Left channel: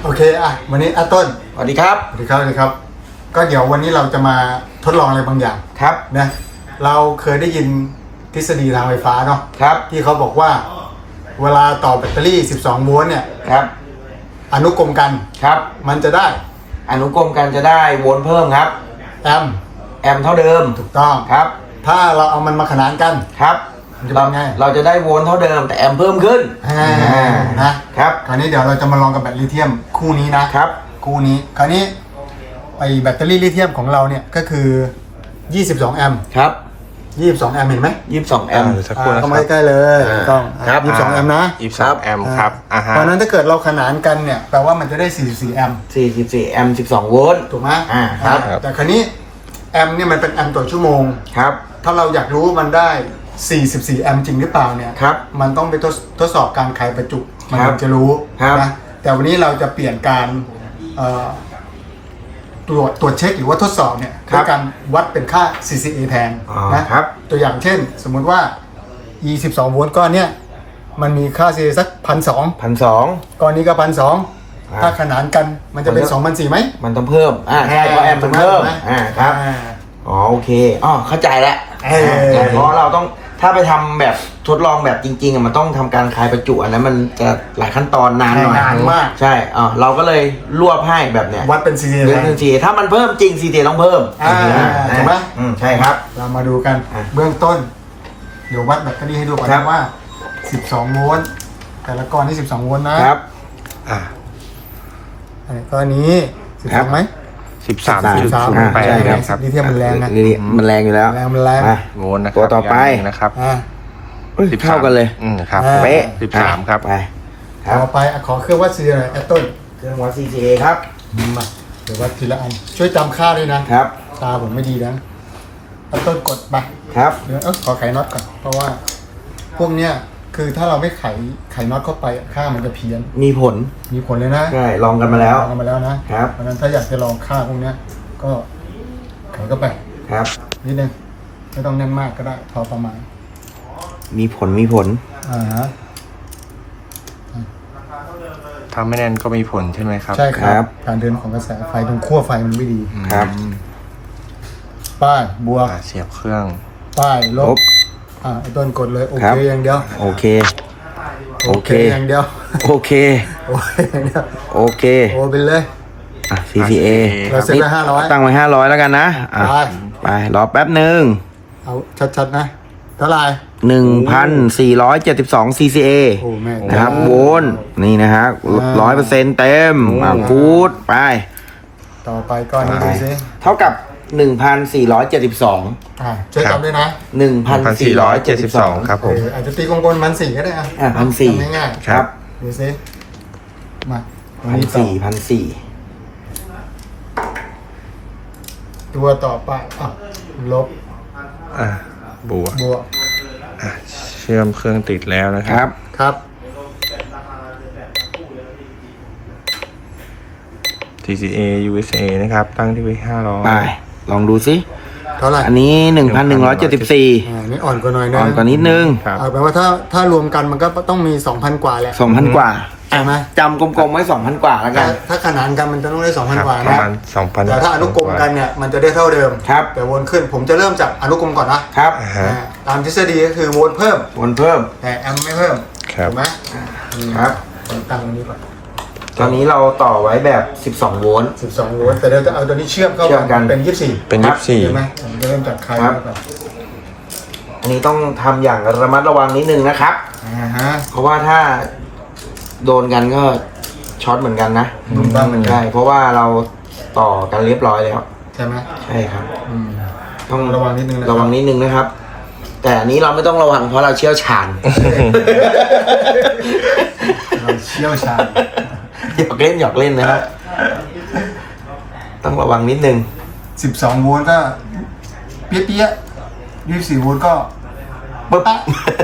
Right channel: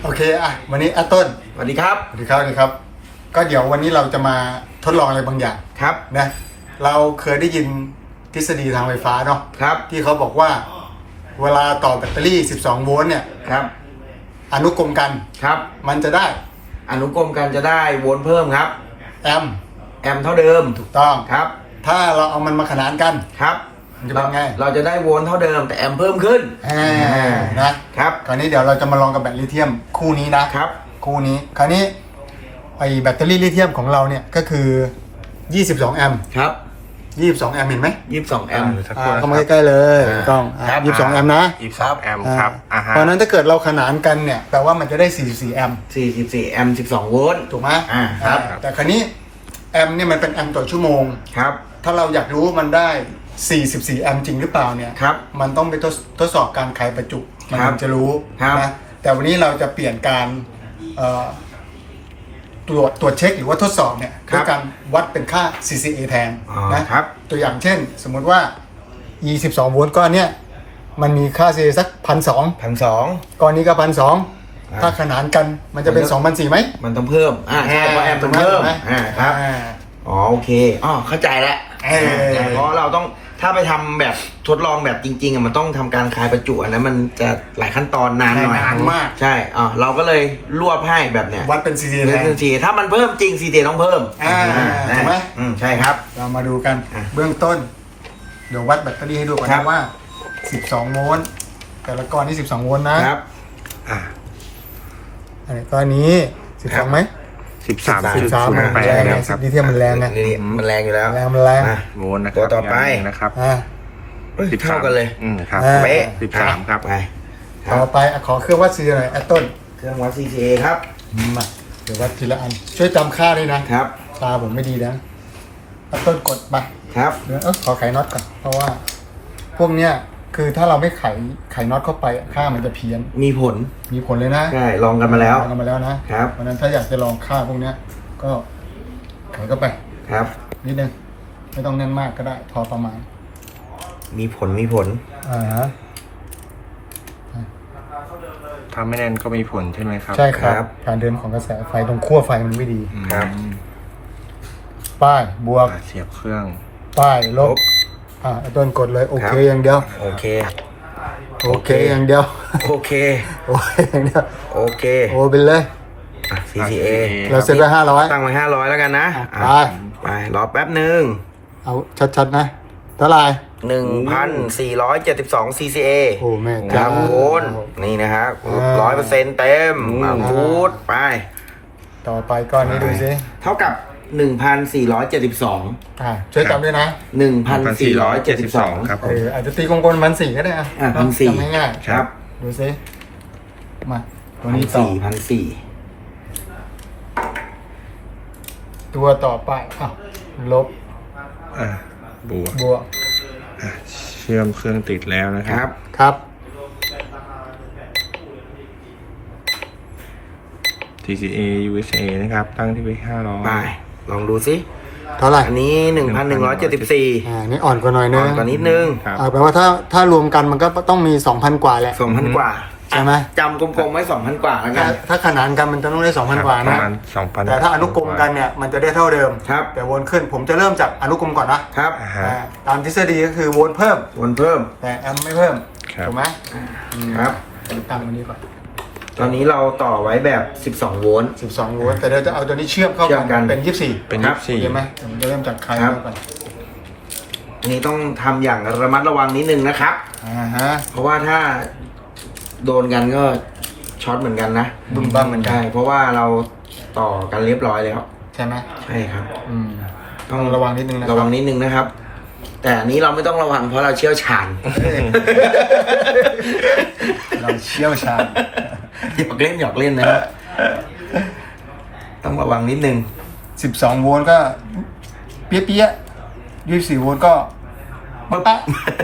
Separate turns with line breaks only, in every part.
โอเควันนี้ต้น
สวัสดีครับ
สวัสดีครับสวัสดีครับก็เดี๋ยววันนี้เราจะมาทดลองอะไรบางอย่าง
ครับ
นะเราเคยได้ยินทฤษฎีทางไฟฟ้าเนาะ
ครับ
ที่เขาบอกว่าเวลาต่อแบตเตอรี่12โวลต์เนี่ย
ครับ
อนุกรมกัน
ครับ
มันจะได้
อนุกรมกันจะได้โวลต์เพิ่มครับ
แอม
เท่าเดิม
ถูกต้อง
ครับ
ถ้าเราเอามันมาขนานกัน
ครับ
มันจะเป็นไง
เราจะได้โวลต์เท่าเดิมแต่แอมเพิ่มขึ้น
นะครับคราวนี้เดี๋ยวเราจะมาลองกับแบตลิเธียมคู่นี้นะครับคู่นี้คราวนี้ไอแบตเตอรี่ลิเธียมของเราเนี่ยก็คือ22แอมป์
ครับ
22แอมป์เห็นไหม
22แอมป์
สักครู่นะค
เข้า
รับ
มาใกล้ๆเลยต้อง22แอมป์นะ
22แอมป์ครับ
เพราะนั้นถ้าเกิดเราขนานกันเนี่ยแปลว่ามันจะได้44แอมป์
44แอมป์12โวลต์
ถูกไหม
ครับ
แต่คราวนี้แอมป์เนี่ยมันเป็นแอมป์ต่อชั่วโมง
ครับ
ถ้าเราอยากรู้มันได้44แอมป์จริงหรือเปล่าเนี่ย
ครับ
มันต้องไปทดสอบการไขประจุมันถึงจะรู้นะแต่วันนี้เราจะเปลี่ยนการตรวจเช็คหรือว่าทดสอบเนี่ยด้วยการวัดเป็นค่า CCA แทนนะครับตัวอย่างเช่นสมมุติว่า E 12โวลต์ก้อนเนี้ยมันมีค่า CCA สัก 1,200 ก้อนนี้ก็ 1,200 ถ้าขนานกันมันจะเป็น 2,400 ไหม
มันต้องเพิ่มใช่เพราะแอมต้องเพิ่มครับโอเคเข้าใจแล้วเพราะเราต้องถ้าไปทำแบบทดลองแบบจริงๆมันต้องทำการคลายประจุอันนั้นมันจะหลายขั้นตอนนานหน่อย
นานมาก
ใช่เราก็เลยรวบให้แบบเนี้ย
วัดเป็น CCA
เป็น CCA ถ้ามันเพิ่มจริง CCA ต้องเพิ่ม
ถูกไหม
ใช่ครับ
เรามาดูกันเบื้องต้นเดี๋ยววัดแบตเตอรี่ให้ดูก่อนนะว่า12โวลต์แต่ละก้อนที่12โวลต์นะครับอันนี้ก้อนนี้12ไหม
13.08เลยครับ
ลิเธียมมันแรงนะ
มันแรงอยู่แล้ว
มันแรง
โวลต์นะครับ
ตัวต่อไป
นะครับ
เท่ากันเลย
ครับ13ครับ
ไป
ต่อไปขอเครื่องวัด CCA หน่อยต้น
เครื่องวัด CCA ครับ
มาเดี๋ยววัดทีละอันช่วยจำค่าด้วยนะครับตาผมไม่ดีนะต้นกดไป
ครับ
เดี๋ยวขอไขน็อตก่อนเพราะว่าพวกเนี้ยคือถ้าเราไม่ไขน็อตเข้าไปค่ามันจะเพี้ยน
มีผล
เลยนะ
ใช่ลองกันมาแล้ว
นะครับเพราะนั้นถ้าอยากจะลองค่าพวกเนี้ยก็ไขเข้าไป
ครับ
นิดนึงไม่ต้องแน่นมากก็ได้พอประมาณ
มีผล
ถ้าไม่แน่นก็มีผลใช่ไหมครับ
ใช่ครับการเดินของกระแสไฟตรงขั้วไฟมันไม่ดี
ครับ
ป้ายบวก
เสียบเครื่อง
ป้ายลบต้นกดเลยโอเคอย่างเดียว
โอเค
อย่างเดียว
โอเค
อย่างเดียว
โอเค
โอเป็นเลย
CCA
เราเซ็ตไป500
ตั้งไว้500แล้วกันนะไปรอแป๊บนึง
เอาชัดๆนะเท่าไหร่
1,472 CCA ครับโวลต์นี่นะฮะ100%เต็มพูดไป
ต่อไปก้อนนี้ดูซิ
เท่ากับ1,472
ช่วยจำด้วยนะ
1,472
ครับผม
อาจจะตีกลมๆ1,400ก็ได้
1,400
ง่าย
ๆครับ
ดูซิมาตัวนี้ต่อตัวต่อไปลบบวก
เชื่อมเครื่องติดแล้วนะครับTCA USA นะครับตั้งที่ไว้500
ไปลองดูสิ
เท่าไหร่
อันนี้1,174
นี่อ่อนกว่าหน่อยนึง
อ่อนกว่านิดนึง
แปลว่าถ้ารวมกันมันก็ต้องมี 2,000 กว่าแหละ
2,000 กว่า
ใช่ไหม
จำกลมๆไว้ 2,000 กว่าแล้วกัน
ถ้าขนานกันมันจะต้องได้ 2,000 กว่านะ
ประมาณ 2,000
แต่ถ้าอนุกรมกันเนี่ยมันจะได้เท่าเดิม
ครับ
แต่วนขึ้นผมจะเริ่มจากอนุกรมก่อนนะครับตามทฤษฎีก็คือวนเพิ่มแต่แอมไม่เพิ่มถูกไหม
ครับ
ตั้งตรงนี้ก่อน
ตอนนี้เราต่อไว้แบบ12โวลต์
แต่เราจะเอาตัวนี้เชื่อมเข้ากันเป็น24ใช่ไหมผมจะเริ่มจากคลายก่อน
อันนี้ต้องทำอย่างระมัดระวังนิดนึงนะครับเพราะว่าถ้าโดนกันก็ช็อตเหมือนกันนะใช่เพราะว่าเราต่อกันเรียบร้อยแล้ว
ใช่ไหม
ใช่ครับ
ต้องระวังนิดนึง
นะครับแต่อันนี้เราไม่ต้องระวังเพราะเราเชี่ยวชาญหยอกเล่นนะครับต้องระวังนิดนึง
12โวลต์ก็เปี้ย24โวลต์ก็ปึ๊บ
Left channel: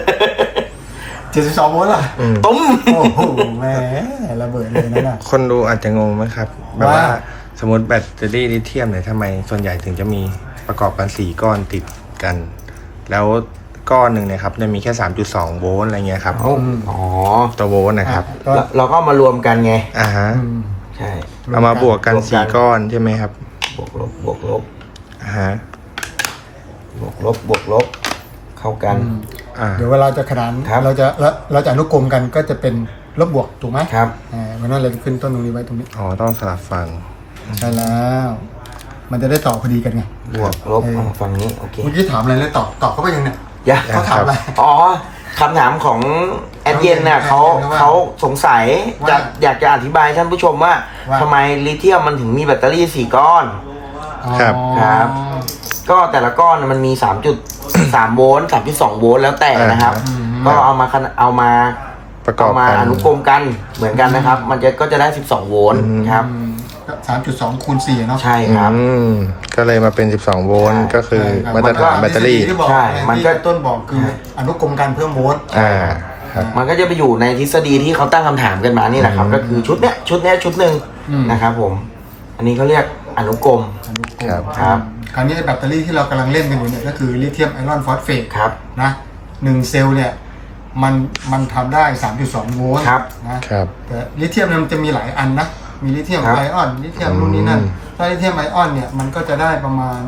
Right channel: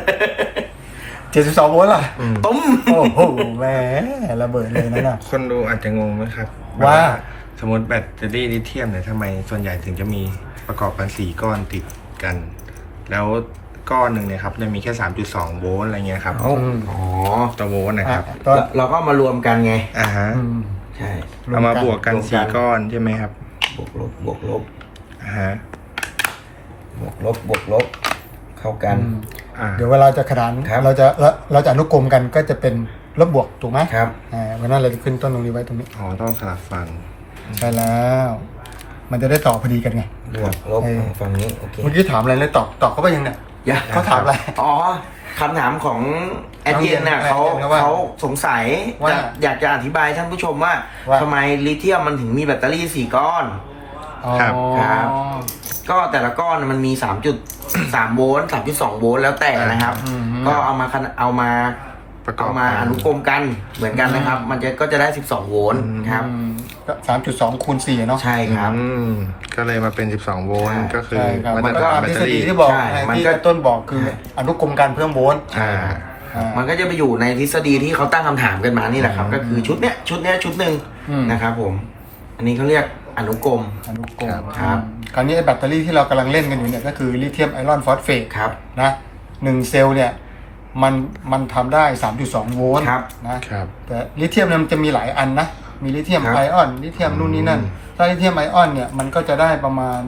72โวลต์ล่ะ
ตุ้ม
โอ้โหแหมระเบิดเลยนะ
คนดูอาจจะงงไหมครับว่าสมมติแบตเตอรี่ลิเธียมเนี่ยทำไมส่วนใหญ่ถึงจะมีประกอบกัน4ก้อนติดกันแล้วก้อนหนึ่งเนี่ยครับจะมีแค่3.2โวลต์อะไรเงี้ยครับ
อ๋อ
ตัวโวลต์นะครับ
เราก็มารวมกันไง
ใ
ใช่
เอามาบวกกัน4 ก้อนใช่ไหมครับ
บวกลบบวกลบ
ฮะ
บวกลบบวกลบเข้ากัน
เดี๋ยวเวลาจะขนาน
ครับ
เราจะอนุกรมกันก็จะเป็นลบบวกถูกไหม
ครับ
เพราะนั้นเราจะขึ้นต้นตรงนี้ไว้ตรงนี้
อ๋อต้องสลับฝั่ง
ใช่แล้ว มันจะได้ต่อพอดีกันไง
บวกลบฝั่งนี้โอเค
เมื่อกี้ถามอะไรเลยตอบเขาไปยังเนี่ย
อย่า
เขาถามอะไร
อ๋อคำถามของแอดเย็นน่ะ
แอดเย็นว่า
เขาสงสัย
ว่า
อยากจะอธิบายท่านผู้ชมว่า
ว่า
ทำไมลิเธียมมันถึงมีแบตเตอรี่4 ก้อน
ครับ
ครับ ก็แต่ละก้อนมันมี 3.3 โวลต์ 3.2 โวลต์แล้วแต่นะครับ ก็เอามา
ประกอบ
มา
กัน
อนุกรมกันเหมือนกันนะครับ มันก็จะได้ 12 โวลต์ครับ
3.2 คูณ 4 เนาะ
ใช่ครับ
ก็เลยมาเป็น12 โวลต์ก็คือ
ใช่ครับ
มาตรฐานแบตเตอรี่
ที่บอก
ใช่มัน
ที่
ก็
ต้นบอกคืออนุกรมการเพิ่มโวลต์
ครับ
มันก็จะไปอยู่ในทฤษฎีที่เขาตั้งคำถามกันมานี่แหละครับ ก็คือชุดเนี้ยชุดหนึ่งนะครับผม อันนี้เขาเรียกอนุกรม
อนุกรม
ครับ
คราวนี้ไอ้แบตเตอรี่ที่เรากำลังเล่นกันอยู่เนี่ยก็คือลิเธียมไอรอนฟอสเฟต
ครับ
นะ1 เซลล์เนี่ยมันทำได้ 3.2 โวลต์
ครับ
นะครับ แต่ลิเธียมเนี่ยมันจะมีหลายอันนะมีลิเธียม
ครับ
ไอออนลิเธียมนู่นนี่นั่นถ้าลิเธียมไอออนเนี่ยมันก็จะได้ประมาณ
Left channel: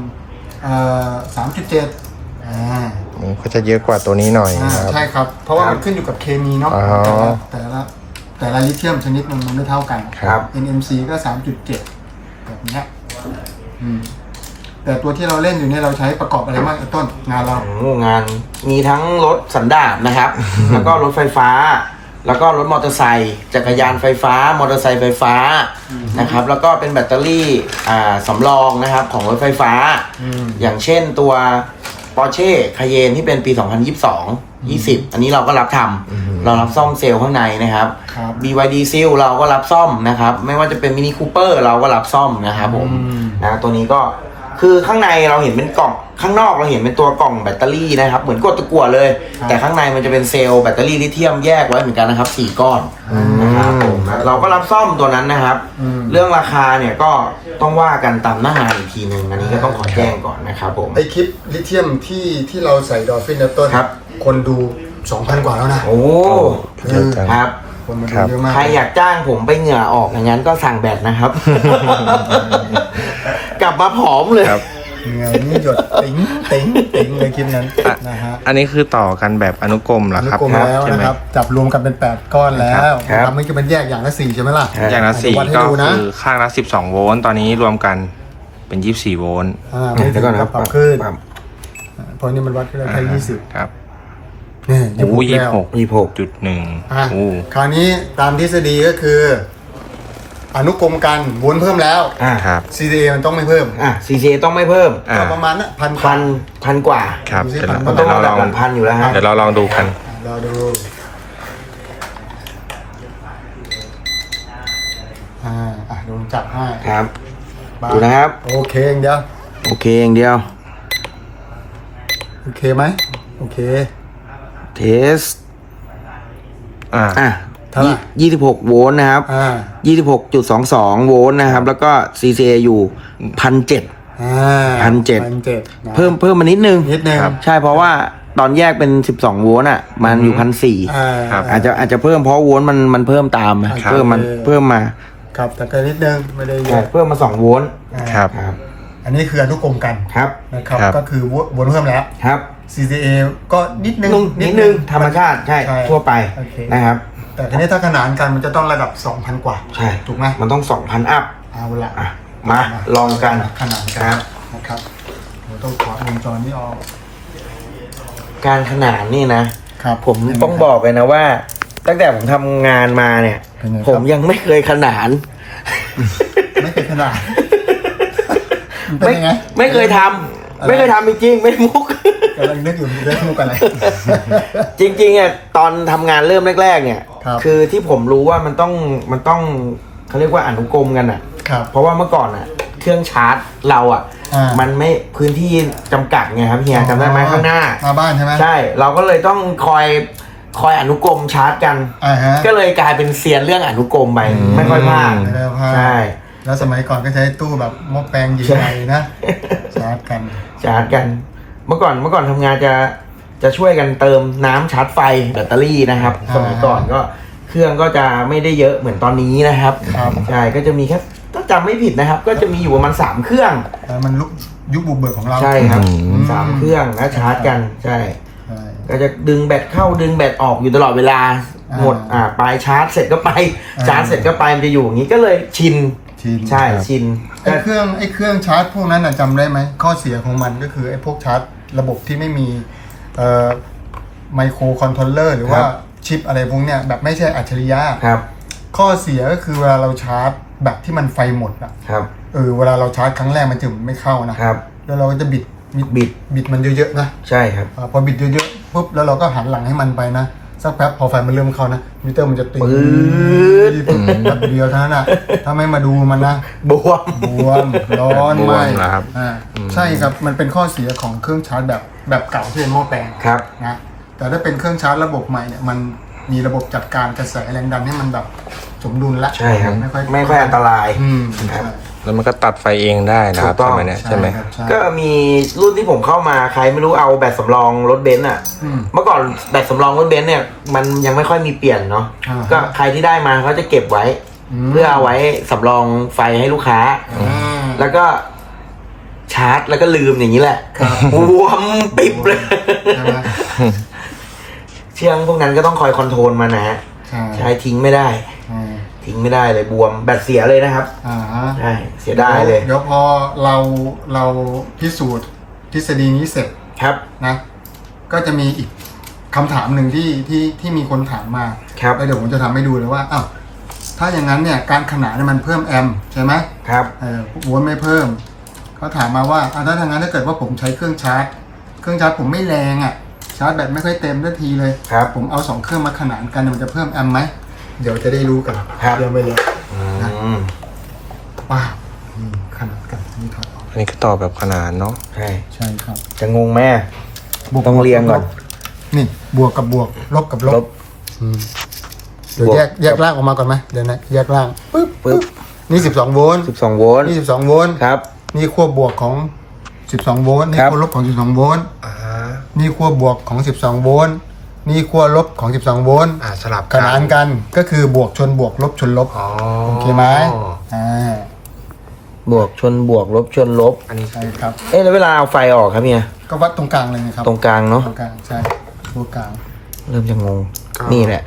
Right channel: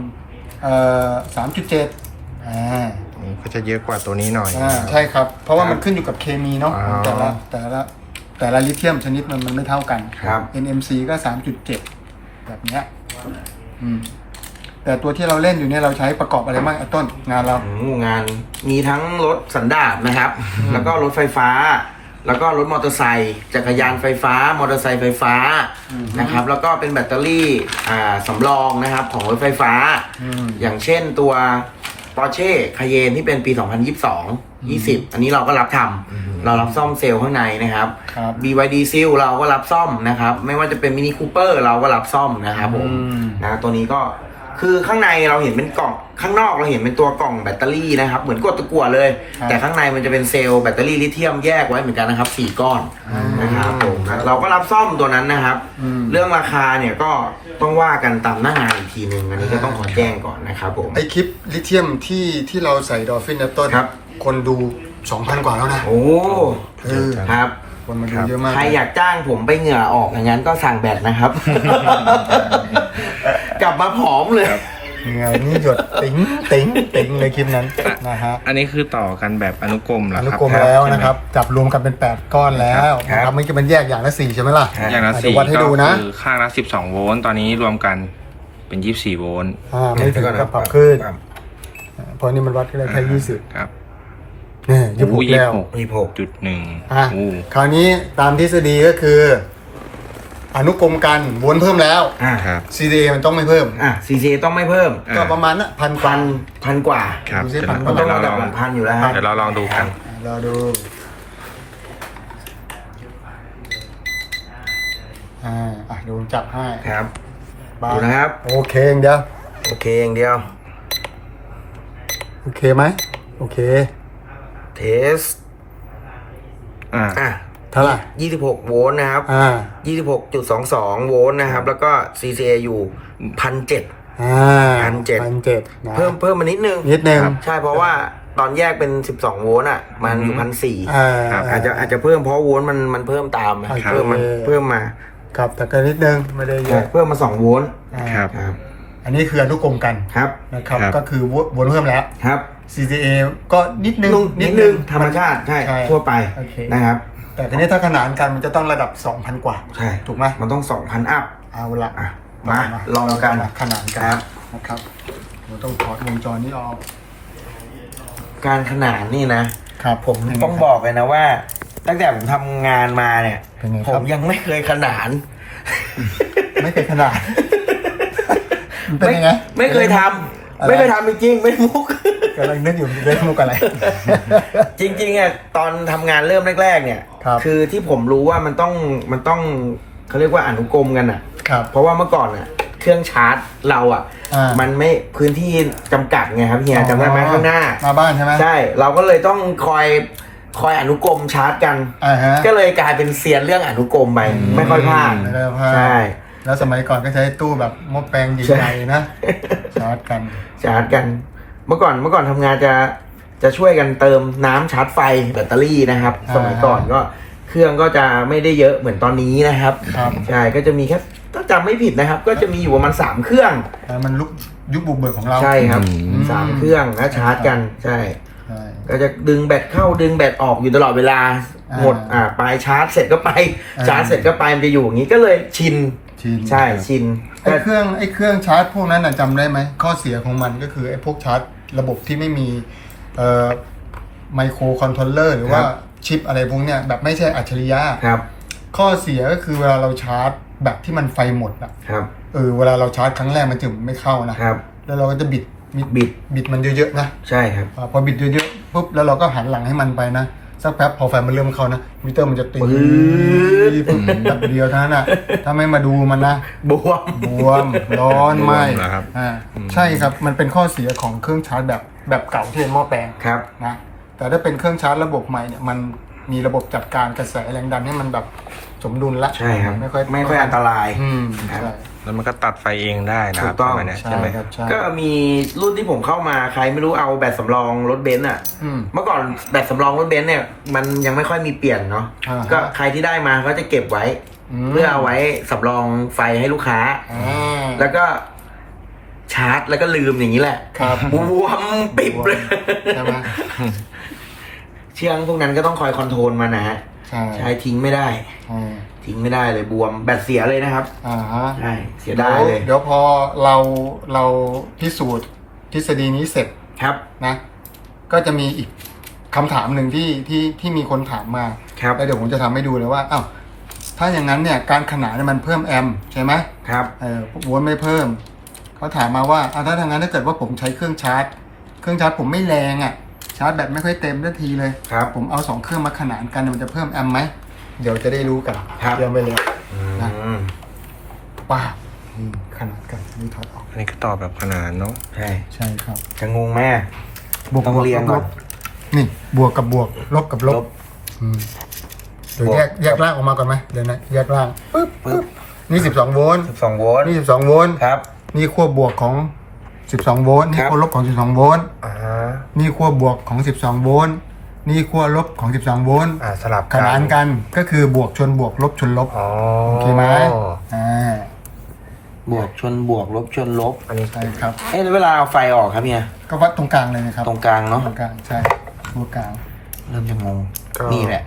3.7
ก็จะเยอะกว่าตัวนี้หน่อยนะครับ
ใช่ครับ เพราะว่ามันขึ้นอยู่กับเคมีเนาะ
อ๋อ
แต่ละลิเธียมชนิดมันไม่เท่ากัน
ครับ
NMC ก็ 3.7 แบบเนี้ยแต่ตัวที่เราเล่นอยู่เนี่ยเราใช้ประกอบอะไรบ้างไอ้ต้นงานเรา
งานมีทั้งรถสันดาปนะครับ แล้วก็รถไฟฟ้า แล้วก็รถมอเตอร์ไซค์จักรยานไฟฟ้ามอเตอร์ไซค์ไฟฟ้านะครับ แล้วก็เป็นแบตเตอรี่สำรองนะครับของรถไฟฟ้า อย่างเช่นตัว Porsche Cayenne ที่เป็นปี 2022 อันนี้เราก็รับทำเรารับซ่อมเซลล์ข้างในนะครับ
ครับ
BYD Seal เราก็รับซ่อมนะครับ ไม่ว่าจะเป็น Mini Cooper เราก็รับซ่อมนะครับผมนะตัวนี้ก็คือข้างในเราเห็นเป็นกล่องข้างนอกเราเห็นเป็นตัวกล่องแบตเตอรี่นะครับเหมือนกดตะกั่วเลย แต่ข้างในมันจะเป็นเซลล์แบตเตอรี่ลิเธียมแยกไว้เหมือนกันนะครับ4 ก้อนนะครับผมเราก็รับซ่อมตัวนั้นนะครับ เรื่องราคาเนี่ยก็ต้องว่ากันตามหน้างานอีกทีนึงอันนี้ก็ต้องขอแจ้งก่อนนะครับผม
ไอคลิปลิเธียมที่เราใส่ดอลฟินเนี่ยต้น
ครับ
คนดู 2,000 กว่าแล้วนะ
โอ้
เยอะจัง
ครับ
คนมาดู
ครับ
เยอะมาก
ใครอยากจ้างผมไปเหงื่อออกอย่างนั้นก็สั่งแบตนะครับ กลับมาผอมเลย
ครับ
ยังไงนี่หยดติ๋งเลยคลิปนั้นนะฮะ
อันนี้คือต่อกันแบบอนุกรมเหร
อ
อ
นุ
ครับ
กรมแล้ว
ใช่ไหม
นะครับ จับรวมกันเป็น 8 ก้อนแล้ว
ครับ
นะครับมันจะมันแยกอย่างละ 4 ใช่ไหมล่ะ
อย่างละ
เดี๋ยววัดให้
4ก็
ดูนะ
คือข้างละ12 โวลต์ตอนนี้รวมกันเป็น24 โวลต์
ไม่ถึงกับปรับขึ้นเพราะนี่มันวัดที่ได้แค่20
ครับ
นี่
โอ้
26แล้ว
26.1
อ่ะ
โอ้
คราวนี้ตามทฤษฎีก็คือ อนุกรมกันโวลต์เพิ่มแล้ว
ครับ
CCA มันต้องไม่เพิ่ม
CC ต้องไม่เพิ่ม
ก็ประมาณน่ะพัน
พันกว่า
ครับ
ดูสิ
เดี๋ยว
พัน
เดี๋ยวเรา
ระ
ล
ดั
อบ ง
พันอยู่แล้วฮะ
เดี๋ยวเราลองดูกัน
รอดูดูจับให้
ครับ
บ้า
ดูนะครับ
โอเคอย่างเดียว
โอเคอย่างเดียว
โอเคไหมโอเค
เทส
อ่า
เท่าไหร่
26 โวลต์นะครับ 26.22 โวลต์นะครับ แล้วก็ CCA อยู่ 1,700
1,700
เพิ่มมานิดนึง
นิดนึง
ใช่เพราะว่าตอนแยกเป็น 12 โวลต์อ่ะ มันอยู่ 1,400
ครับ
อาจจะเพิ่มเพราะโวลต์มันเพิ่มตาม
ครับ
เพิ่มมา
ครับแต่ก็นิดนึงไม่ได้เยอะ
เพิ่มมา 2 โวลต์
ครับ
ครับ
อันนี้คืออนุกรมกัน
ครับ
นะครับ
ครับ
ก็คือโวลต์เพิ่มแล้ว
ครับ
CCA ก็นิดนึง
นิดนึงธรรมชาติใช่ทั่วไป
โอเค
นะครับ
แต่ทีนี้ถ้าขนานกันมันจะต้องระดับ 2,000 กว่า
ใช่
ถูกไหม
มันต้อง 2,000 อัพ
เอาละ
อ่ะมาลองกัน
ขนานกัน
ครับ
นะครับเดี๋ยวต้องถอดวงจรนี้ออก
การขนานนี่นะ
ครับ
ผมต้องบอกเลยนะว่า ตั้งแต่ผมทำงานมาเนี่ย
เป็นไงครับ
ผมยังไม่เคยขนาน
ไม่เคยขนาดเป็นยังไง
ไม่เคยทำ
อะไร
ไม่เคยทำจริงๆไม่มุก
กำลังนึกอยู่เล่นมุกอะไร
จริงๆอ่ะตอนทำงานเริ่มแรกๆเนี่ย
ครับ
อที่ผมรู้ว่ามันต้องเขาเรียกว่าอนุกรมกันอ่ะ
ครับ
เพราะว่าเมื่อก่อนอ่ะ เครื่องชาร์จเราอ่ะ มันไม่พื้นที่จำกัดไงครับเฮียจำได้ไหมข้างหน้า
มาบ้านใช่ไหม
ใช่ เราก็เลยต้องคอยอนุกรมชาร์จกัน
ฮะ
ก็เลยกลายเป็นเซียนเรื่องอนุกรมไปไม่ค่อยพลาด
ไม่ได้พลาด
ใช่
แล้วสมัยก่อนก็ใช้ตู้แบบหม้อแปลงใหญ่ๆนะชาร์จกัน
ชาร์จกัน เมื่อก่อนทำงานจะช่วยกันเติมน้ำชาร์จไฟแบตเตอรี่นะครับ สมัยก่อนก็เครื่องก็จะไม่ได้เยอะเหมือนตอนนี้นะครับ
ครับ
ใช่ก็จะมีแค่ถ้าจำไม่ผิดนะครับ ก็จะมีอยู่ประมาณ3เครื่อง
แต่มันยุคบุกเบิกของเรา
ใช่ครับ3เครื่องแล้วชาร์จกันใช่
ใช่
ก็จะดึงแบตเข้าดึงแบตออกอยู่ตลอดเวลา
อ่า
หมดไปชาร์จเสร็จก็ไป
อ่า
ชาร์จเสร็จก็ไปมันจะอยู่อย่างนี้ก็เลยชิน ใช่ชิน
ไอ้เครื่องชาร์จพวกนั้นน่ะจำได้ไหมข้อเสียของมันก็คือไอ้พวกชาร์จระบบที่ไม่มีไมโครคอนโทรลเลอร์หรือว่าชิปอะไรพวกเนี้ยแบบไม่ใช่อัจฉริยะ
ครับ
ข้อเสียก็คือเวลาเราชาร์จแบบที่มันไฟหมดอะ
ครับ
เวลาเราชาร์จครั้งแรกมันจะไม่เข้านะครับ แล้วเราก็จะบิดมันเยอะๆนะ
ใช่ครับ
พอบิดเยอะๆปุ๊บแล้วเราก็หันหลังให้มันไปนะสักแป๊บพอไฟมันเริ่มเข้านะมิเตอร์มันจะตีปุ๊บแบบเดียวเท่านั้นนะถ้าไม่มาดูมันนะ
บวม
บวมร้อนไหม
บวมเหรอครับ
ใช่ครับมันเป็นข้อเสียของเครื่องชาร์จแบบเก่าที่เป็นหม้อแปลง
ครับ
นะแต่ถ้าเป็นเครื่องชาร์จระบบใหม่เนี่ยมันมีระบบจัดการกระแสแรงดันให้มันแบบสมดุลละ
ใช่ครับ
ไม่ค่อย
อันตราย
ใช่
แล้วมันก็ตัดไฟเองได้นะครับ
ถูกต้อง
สมัยเนี้ยใช่ไหม
ครับใช่
ก็มีรุ่นที่ผมเข้ามาใครไม่รู้เอาแบตสำรองรถเบนซ์อ่ะ เมื่อก่อนแบตสำรองรถเบนซ์เนี่ยมันยังไม่ค่อยมีเปลี่ยนเนาะ
อ่าฮะ
ก็ใครที่ได้มาเขาจะเก็บไว้ เพื่อเอาไว้สำรองไฟให้ลูกค้า แล้วก็ชาร์จแล้วก็ลืมอย่างนี้แหละ
ครับ
บวมปิบเลย
ใช่ไหม
เชื่องพวกนั้นก็ต้องคอยคอนโทรลมันนะฮะ
ใช่
ใช้ทิ้งไม่ได้ ทิ้งไม่ได้เลยบวมแบตเสียเลยนะครับ
อ่าฮะ
ใช่เสียดายเลย
เดี๋ยวพอเราพิสูจน์ทฤษฎีนี้เสร็จ
ครับ
นะ ก็จะมีอีกคำถามหนึ่งที่มีคนถามมา
ครับ
แล้วเดี๋ยวผมจะทำให้ดูเลยว่าอ้าวถ้าอย่างนั้นเนี่ยการขนานเนี่ยมันเพิ่มแอมป์ใช่ไหม
ครับ
โวลต์ไม่เพิ่มเขาถามมาว่าถ้าทางนั้นถ้าเกิดว่าผมใช้เครื่องชาร์จผมไม่แรงอ่ะชาร์จแบตไม่ค่อยเต็มทันทีเลย
ครับ
ผมเอา2เครื่องมาขนานกันมันจะเพิ่มแอมป์ไหมเดี๋ยวจะได้รู้กัน
ครับ
เตรียมไปเลย
อืม
ป้าขนาดกันนี่ถอดออก
อันนี้ก็ต่อแบบขนานเนาะ
ใช่
ใช่ครับ
จะงงไหม ต้องเรียงก่อน
นี่บวกกับบวกลบกับลบเดี๋ยวแยกล่างออกมาก่อนไหมเดี๋ยวนะแยกล่างปึ๊บนี่12โวลต์
12 โวลต์
นี่12โวลต์
ครับ
นี่ขั้วบวกของ12โวลต์นี่
ครับ
ขั้วลบของ12โวลต์ นี่ขั้วบวกของ12โวลต์นี่ขั้วลบของ12โวลต์
สลับ
ขนานกันก็คือบวกชนบวกลบชนลบ
อ๋อ
โอเคไหมา
บวกชนบวกลบชนลบ
อันนี้
ใช่ครับ
แล้วเวลาเอาไฟออกครับเนี่ย
ก็วัดตรงกลางเลยนะครับ
ตรงกลางเนาะ
ตรงกลางใช่ตรงกลาง
เริ่มจะงง นี่แหละ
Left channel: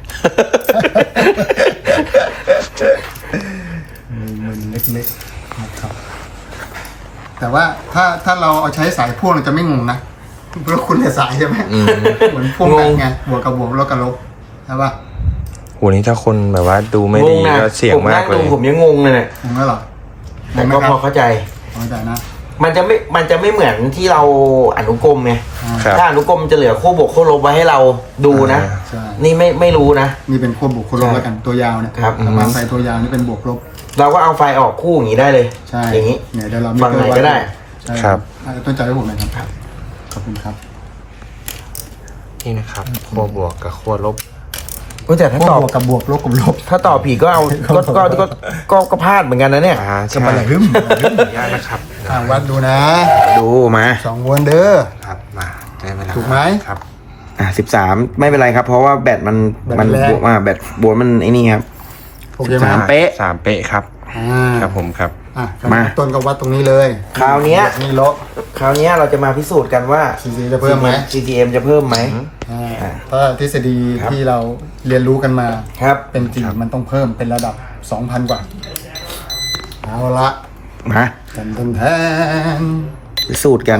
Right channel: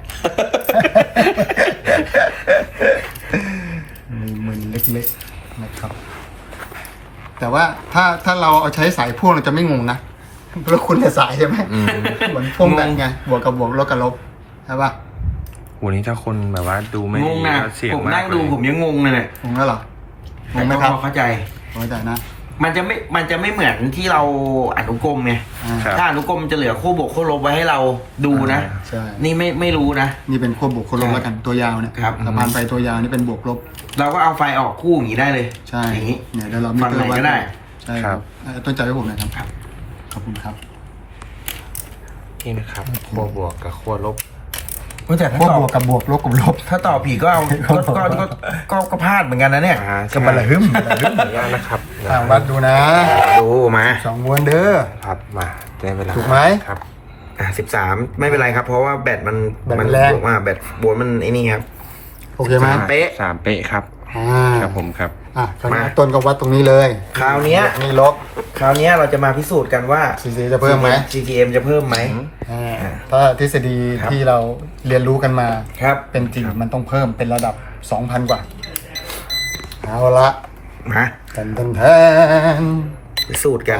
มือเล็กๆนะครับ แต่ว่าถ้าเราเอาใช้สายพ่วงเราจะไม่งงนะเพราะคุณแต่สายใช่ไหมเหมือนพ่วงแบบไงบวกกับบวกลบกับลบใช่ป่ะ
โหนี่ถ้าคนแบบว่าดูไม่
ง
ดี
งนะ
ก็เสี่ยง
ผม
มา
นั่
ก
ง
เล
ดู
ย
ผมยังงงเลยเนี่ย
งงแล้วเหรอ
แต่ก็พอเข้าใจ
เข้าใจนะ
มันจะไม่เหมือนที่เราอนุกรมไง
ครับ
ถ้าอนุกรมจะเหลือคู่บวกคู่ลบไว้ให้เราดูนะ
ใช่
นี่ไม่รู้นะ
นี่เป็นขั้วบวกขั้วลบแล้วกันตัวยาวเนี่ย
ครับ
ประมาณไฟตัวยาวนี่เป็นบวกลบ
เราก็เอาไฟออกคู่อย่างนี้ได้เลย
ใช่
อย่างนี้
เนี่ยเดี๋ยวเรามี
ฝั่งไหนก็ได้
ใช่
ครับ
ต้นใจให้ผมหน่อยครับขอบคุณครับ
นี่นะครับขั้วบวกกับขั้วลบ
แต่ถ้า
ขั้ว
ตอ
บบ วกกับบวกลบกับลบ
ถ้าตอบผิดก็เอาก็พลาดเหมือนกันนะเนี่ย
ใช่
จะมาหึม
ขออนุญาตนะครับ
วัดดูนะ
ดูมา
2โวลต์เด้อ
ครับมาได้เวลา
ถูกไหม
ครับ
13ไม่เป็นไรครับ เพราะว่าแบตมัน
แบตมันแรง
แบตบวกมันไอ้นี่ครับ
โอเคไหม
เป๊ะ
3 เป๊ะครับ ครับผมครับ
มาต้นก็วัดตรงนี้เลย
คราวเนี้ย
นี่ลบ
คราวเนี้ยเราจะมาพิสูจน์กันว่า
CC จะเพิ่มไหม
CCM จะเพิ่มไหม
ถ้าทฤษฎี
ครับ
ที่เราเรียนรู้กันมา
ครับ
เป็นจริงมันต้องเพิ่มเป็นระดับ 2,000 กว่า เอาละ
มา
แทน
พิสูจน์กัน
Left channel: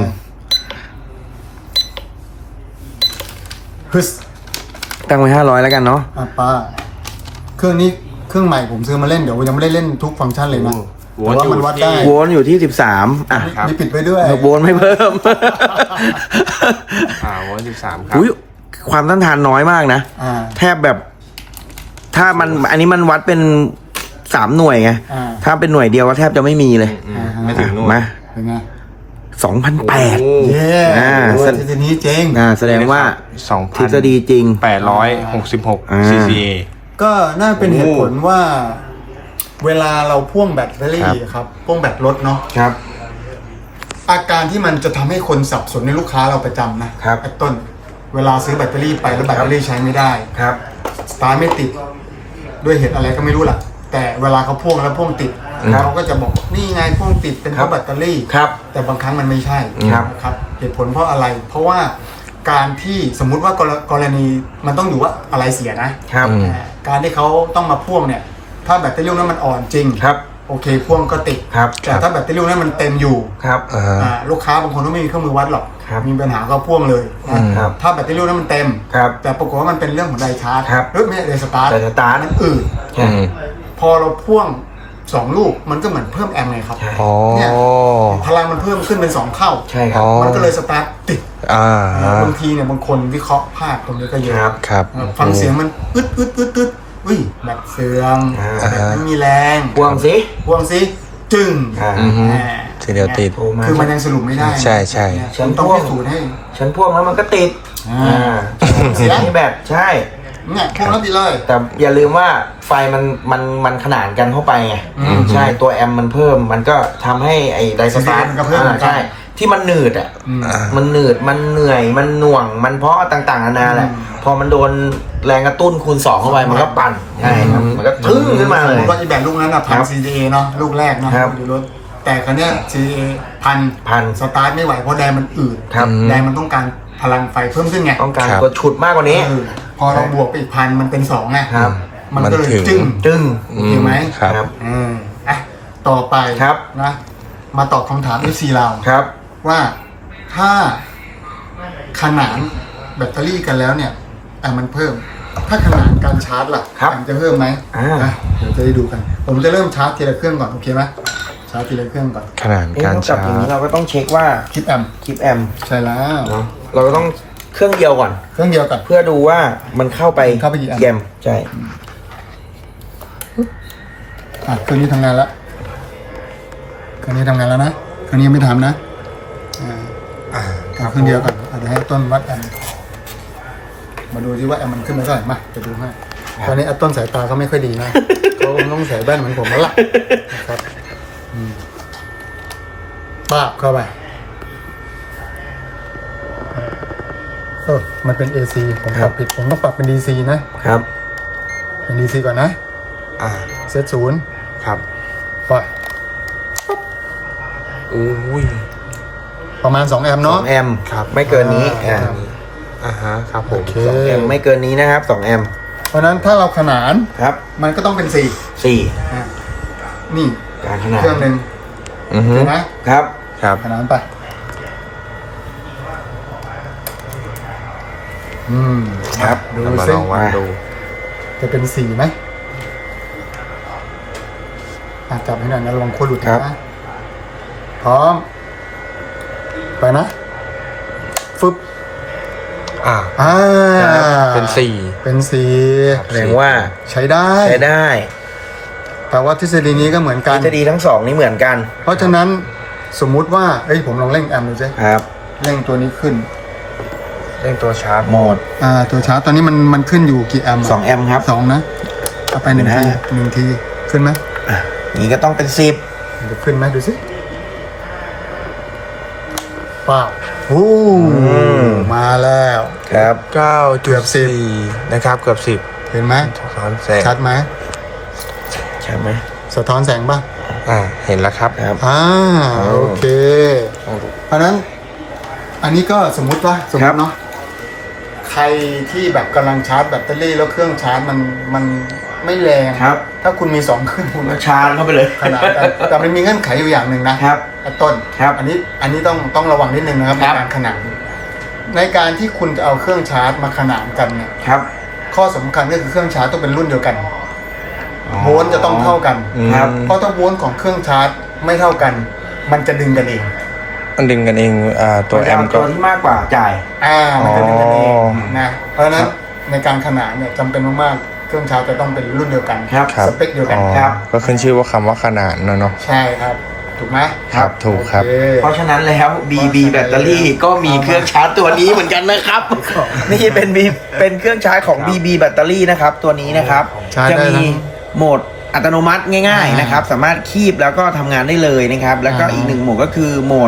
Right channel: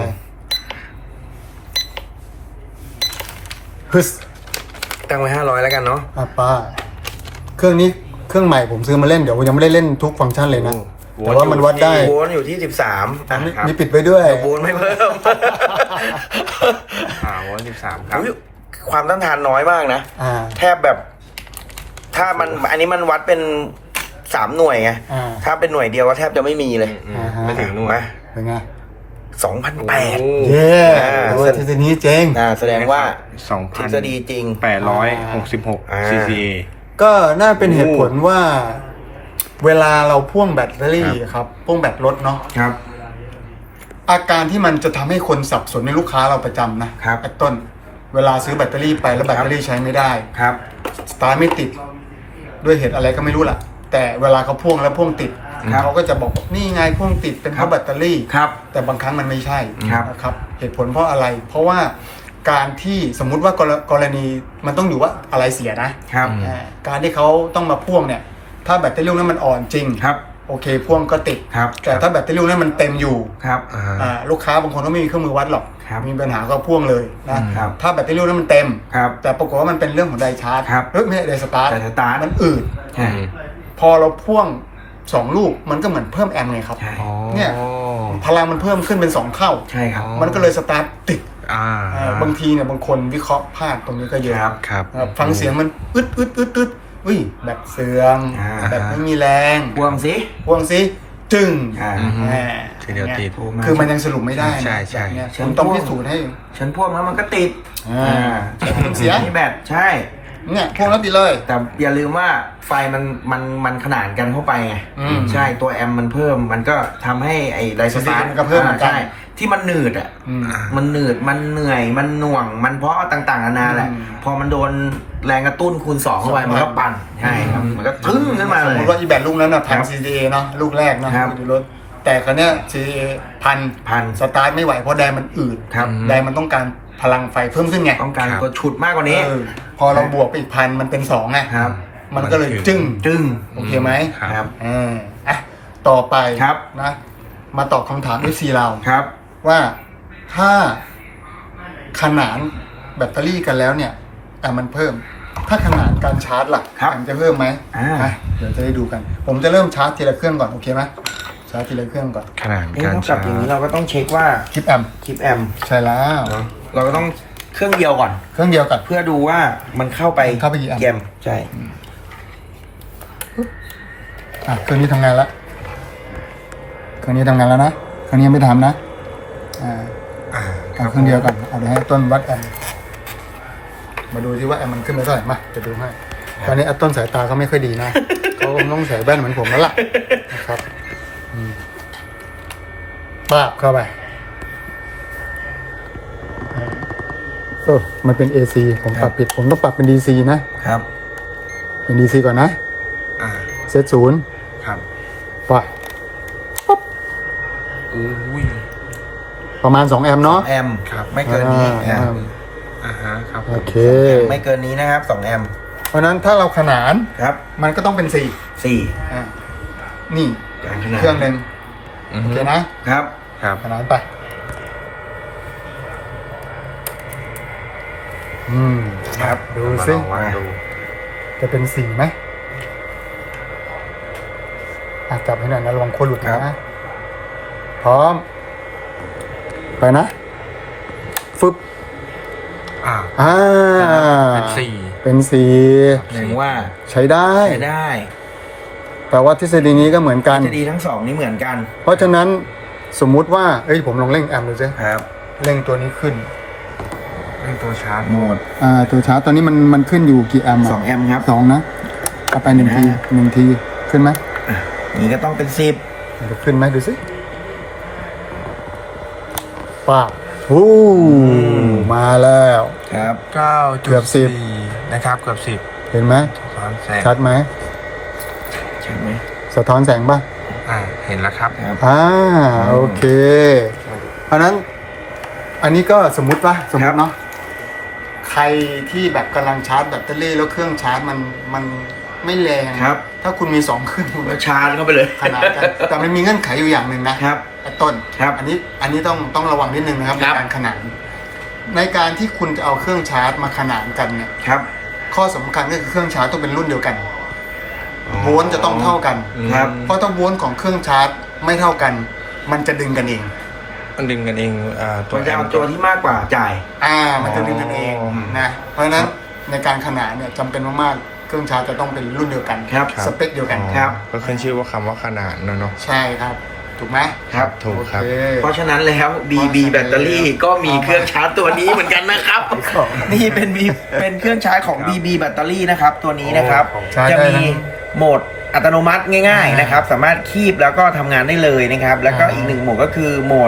ฮึส
ตั้งไว้500แล้วกันเนาะ
ป้าเครื่องนี้เครื่องใหม่ผมซื้อมาเล่นเดี๋ยวยังไม่ได้เล่นทุกฟังก์ชันเลยนะ
โอ้
แต่ว่ามันวัดได้
โวลต์อยู่ที่13อ่ะ
ครับ
มีปิดไว้ด้วย
โวลต์ไม่เพิ่ม
โวลต์13ครับ
อุ๊ยความต้านทานน้อยมากนะ แทบแบบ ถ้ามันอันนี้มันวัดเป็น3หน่วยไง ถ้าเป็นหน่วยเดียวก็แทบจะไม่มีเลย
ไม่ถึงหน่วย
มา
เป็นไง
2,800
โอ้
เย้
โอ้
โอ้ทฤษฎีนี้เจ๋ง
แสดงว่าทฤษฎี
2,866
จริง
CCA
ก็น่าเป็นเหตุผลว่า เวลาเราพ่วงแบตเตอรี่ครับพ่วงแบตรถเนาะ
ครับ
อาการที่มันจะทำให้คนสับสนในลูกค้าเราประจำนะครับ ไอ้ต้น เวลาซื้อแบตเตอรี่ไปแล้วแบตเตอรี่ใช้ไม่ได้
ครับ
สตาร์ทไม่ติดด้วยเหตุอะไรก็ไม่รู้ล่ะแต่เวลาเขาพ่วงแล้วพ่วงติดเขาก็จะบอกนี่ไงพ่วงติดเป็นเพราะแบตเตอรี่
ครับ
แต่บางครั้งมันไม่ใช่
ครับ
นะครับเหตุผลเพราะอะไร เพราะว่าการที่สมมุติว่ากรณีมันต้องอยู่ว่าอะไรเสียนะครับการที่เขาต้องมาพ่วงเนี่ยถ้าแบตเตอรี่นั้นมันอ่อนจริง
ครับ
โอเคพ่วงก็ติด
ครับ
แต่ถ้าแบตเตอรี่นั้นมันเต็มอยู่
ครับ
ลูกค้าบางคนก็ไม่มีเครื่องมือวัดหรอก
ครับ
มีปัญหาก็พ่วงเลยนะครับ ถ้าแบตเตอรี่นั้นมันเต็ม
ครับ
แต่ปรากฏว่ามันเป็นเรื่องของไดชาร์จ
ครับ
ไม่ใช่ไดสตาร์ท
ไดสตาร์ท
มันอืด
อืม
พอเราพ่วง2 ลูกมันก็เหมือนเพิ่มแอมป์ไงครับ
ใช่
อ๋อ
เนี่ยพลังมันเพิ่มขึ้นเป็น2 เท่า
ใช่ครับ
อ๋อ
มันก็เลยสตาร์ทติด บางทีเนี่ยบางคนวิเคราะห์พลาดตรงนี้ก็เยอะ
ครับ
ครับ
ฟังเสียงมันอึดอุ้ยแบตเสื่อม
อ่า
แบตไม่มีแรง
พ่วงสิ
พ่วงสิจึง
อือฮึ
อ่า
ทีเดียวติด
โทรมา
คือมันยังสรุปไม่ได้นะ
ใช่ใช่
เนี่ยผมต้องพิสูจน์ให้
ฉันพ่วงแล้วมันก็ติด
เสียง
นี่แบบใช่
เนี่ยพ่วงแล้วดีเลย
แต่อย่าลืมว่าไฟมันขนานกันเข้าไปไงใช่ตัวแอมป์มันเพิ่มมันก็ทำให้ไอ้ไดสตาร์ท
มันก็เพิ่มเหมือนกัน
ใช่ที่มันหนืดอ่ะ
อืม
มันหนืดมันเหนื่อยมันหน่วง มันเพราะต่างๆนานาแหละ
อืม
พอมันโดนแรงกระตุ้นคูณ 2เข้าไปมันก็ปั่นใช่ครับมันก็ทึ่งขึ้นมา
ส
เล
ม
ย
มติว่าอีแบตลูกนั้นน่ะพัน
ครับ
CDA เนาะลูกแรกเนาะ
ครับ
อยู่รถแต่คราวเนี้ย CDA พันสตาร์ทไม่ไหวเพราะแดงมันอืด
ครับ
แดงมันต้องการพลังไฟเพิ่มขึ้นไง
ต้องการ
ครับ
ตัวฉุดมากกว่านี้
พอเราบวกไปอีก1,000มันเป็น2ไง
ครับ
มันก็เลย
มันถึง
จึ้ง
จึ้ง
โอเคไหม
ครับ
อ่ะต่อไป
ครับ
นะมาตอบคำถาม FC เรา
ครับ
ว่าถ้าขนานแบตเตอรี่กันแล้วเนี่ยมันเพิ่ม ถ้าขนานการชาร์จล่ะ
ครับ
มันจะเพิ่มไหม
อ่า
เดี๋ยวจะได้ดูกัน ผมจะเริ่มชาร์จทีละเครื่องก่อนโอเคไหมชาร์จทีละเครื่องก่อน
ขนาด
เอ๊ะ
การ
นอกจาก
ชา
อย่าง
ร์
นี้
จ
เราก็ต้องเช็คว่า
คลิปแอม
คลิปแอมป์
ใช่แล้ว
เนาะเราก็ต้องเครื่องเดียวก่อน
เครื่องเดียวกัน
เพื่อดูว่ามันเข้าไป
เข้าไปกี่อัน
แยมใช่
เครื่องนี้ทำงานแล้วเครื่องนี้ทำงานแล้วนะเครื่องนี้ยังไม่ทำนะเอาเครื่องเดียวก่อนเอาเดี๋ยวให้ต้นวัดแอมมาดูที่ว่าแอมมันขึ้นไปเท่าไหร่มาจะดูให้ตอนนี้ต้นสายตาเขาไม่ค่อยดีนะ เขาคงต้องใส่แว่นเหมือนผมแล้วล่ะนะครับป้าบเข้าไปโอ้มันเป็น AC ผมปรับผิดผมต้องปรับเป็น DC นะครับ เป็น DC ก่อนนะ เซต0
ครับ
ปล่อย
อุ้ย
ประมาณ2 แอมป์เนาะ
แอม
ครับ
ไม่เกินนี้
อ่า
ครับผ
โอ
ม
เค
2 แอมไม่เกินนี้นะครับ2 แอม
เพราะฉะนั้นถ้าเราขนาน
ครับ
มันก็ต้องเป็น4
4
นี่
การขนาด
เครื่องหนึ่ง
อือฮึ
เห็นนะครับ
ครับ
ขนานไป
ครับ
ดู
เรามา
ซิ
ลองวัดดู
จะเป็น4ไหมจับให้หน่อยนะลองโคหลุดนะพร้อมไปนะฟึบ
เป็นสี่
เป็น4
ครับ
แสดงว่า
ใช้ได้
ใช้ได้
แต่ว่าทฤษฎีนี้ก็เหมือนกัน
ทฤษฎีทั้งสองนี่เหมือนกัน
เพราะฉะนั้นสมมุติว่าผมลองเร่งแอมป์ดูสิ
ครับ
เร่งตัวนี้ขึ้น
เล่นตัวชาร์จโหมด
ตัวชาร์จตอนนี้มันขึ้นอยู่กี่แอมป์
2 แอมครับ
สองนะเอาไป1 ที1 ทีขึ้นไหม
นี่ก็ต้องเป็น
ดูขึ้นไหมดูสิป้าโอ้มาแล้ว
10 ครับ
เกือบ10
9.4 นะครับ เกือบ 10
เห็นไหม
ซ้อนแสง
ชัดไหม
ใช่ไหม
สะท้อนแสงป่ะ
เห็นแล้วครับ
ครับ
โอเคเพราะนั้นอันนี้ก็สมมุติว่าเนาะใครที่แบบกำลังชาร์จแบตเตอรี่แล้วเครื่องชาร์จมันไม่แรง
ครับ
ถ้าคุณมี2 เครื่องคุณ
ก็ชาร์จเข้าไปเลย
ขนาดกันแต่มันมีเงื่อนไขอยู่อย่างหนึ่งนะครับ ไอ้ต้น
ครับ
อันนี้ต้องระวังนิดนึงนะครับ
ครั
ใน
บ
การขนานในการที่คุณจะเอาเครื่องชาร์จมาขนานกันเนี่ย
ครับ
ข้อสำคัญก็คือเครื่องชาร์จต้องเป็นรุ่นเดียวกันโวลต์จะต้องเท่ากัน
ครับ
เพราะถ้าโวลต์ของเครื่องชาร์จไม่เท่ากัน มันจะดึงกันเอง
มันดึงกันเองตัวแอม
มันจะ
ก็
เาตัวที่มากกว่าจ่าย
มันจะดึงกันเอง
อ๋อ
นะเพราะฉะนั้
คน รับ
ในการขนานเนี่ยจำเป็นมากๆเครื่องชาร์จจะต้องเป็นรุ่นเดียวกัน
ครับ
ครับ
สเปคเดียวกัน
ครับ
ก็ขึ้นชื่อว่าคำว่าขนาดเนาะ
ใช่ครับ ถูกไหม
ครับ ถูกครับ
โอเค
เพราะฉะนั้นแล้ว BB แบตเตอรี่ก็มีเครื่องชาร์จตัวนี้เหมือนกันนะครับ นี่เป็นเครื่องชาร์จของ BB แบตเตอรี่นะครับ ตัวนี้นะครับ
ชาร์จ
จะ
ได้
มี
ทั้ง
โหมดอัตโนมัติง่ายๆนะครับ สามารถคีบแล้วก็ทำงานได้เลยนะครับ แล้วก็
อ่า
อีกหนึ่งโหมดก็คือโหมด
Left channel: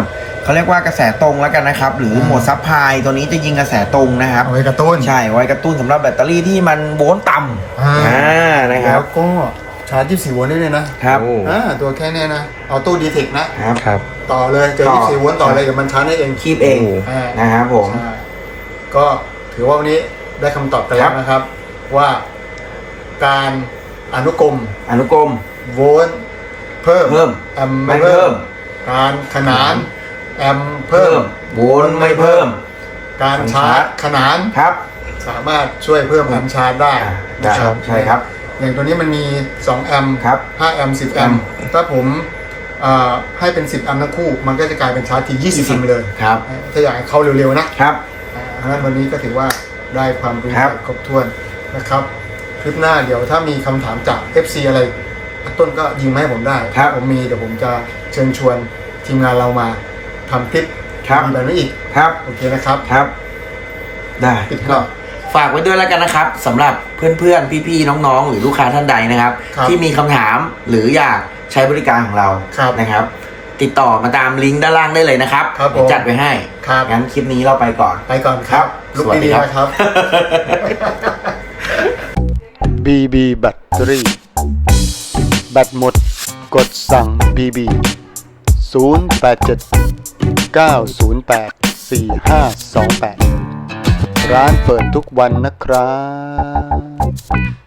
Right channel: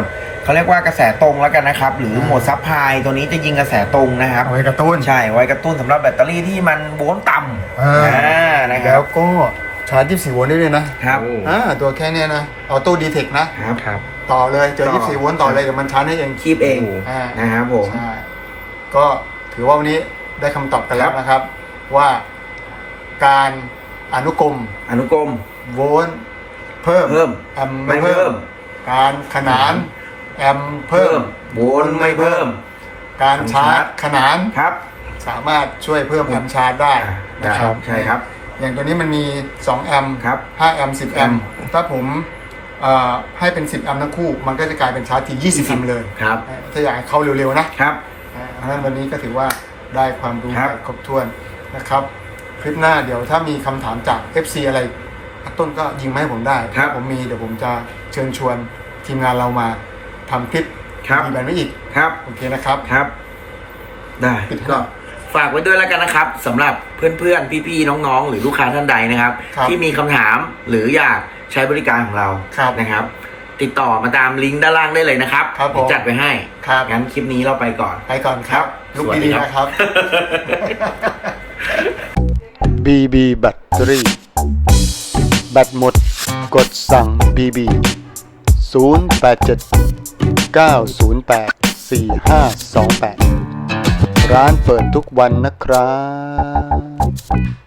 เขาเรียกว่ากระแสตรงแล้วกันนะครับหรือโหมดซับไฮตัวนี้จะยิงกระแสตรงนะครับ
เอาไว้กระตุ้น
ใช่ไว้กระตุ้นสำหรับแบตเตอรี่ที่มันโวลต์ต่ำนะค
แล้
รับ
วก็ชาร์จ24โวลต์ได้เลยนะครับ ตัวแค่เนี้ยนะออโต้ดีเทคนะครับ
ครับ
ต่อเลยเจอ24โวลต์ต่อเลยเดี๋ยวมันชาร์จได้เอง
คีบเอง
อ่า
นะครับผม
ใช่ก็ถือว่าวันนี้ได้คำตอบกันแล้วนะครับ ว่าการอนุกรม
อนุกรม
โวลต์เพิ่มแอมป์
ไม่
ไม่
เพิ่
เพิ่
ม
ม การขนานแอมป์เพิ่ม
โวลต์ไม่เพิ่ม
การชาร์จขนาน
ครับ
สามารถช่วยเพิ่มแอมป์ชาร์จได้
ได้
นะครับ
ใช่ครับ
อย่างตัวนี้มันมี2แอมป์
ครับ
5แอมป์10แอมป์ถ้าผมให้เป็น10แอมป์ทั้งคู่ มันก็จะกลายเป็นชาร์จที่20แอมป์เลย
ครับ
ถ้าอยากให้เข้าเร็วๆนะครับ เพราะฉะนั้นวันนี้ก็ถือว่าได้ความรู้
ครับ
ครบถ้วนนะครับ คลิปหน้าเดี๋ยวถ้ามีคำถามจาก FC อะไรต้นก็ยิงมาให้ผมได้
ครับ
ผมมีเดี๋ยวผมจะเชิญชวนทีมงานเรามาทำคลิป
ครับ
มีแบบนี้อีก
ครับ
โอเคนะครับ
ครับ ได้
ปิดก่อน
ฝากไว้ด้วยแล้วกันนะครับสำหรับเพื่อนๆพี่ๆน้องๆหรือลูกค้าท่านใดนะครับ
ครับ
ที่มีคำถามหรืออยากใช้บริการของเรา
ครับ
นะครับ ติดต่อมาตามลิงก์ด้านล่างได้เลยนะครับ
ครับผม
เดี๋ยวจัดไว้ให้
ครับ
งั้นคลิปนี้เราไปก่อน
ไปก่อนครับ ลุก
สวัส
ดี
ค
ๆ
รับ
นะครับ
BB แบตเตอรี่แบตหมดกดสั่ง BB 087 908 4528 ร้านเปิดทุกวันนะครับ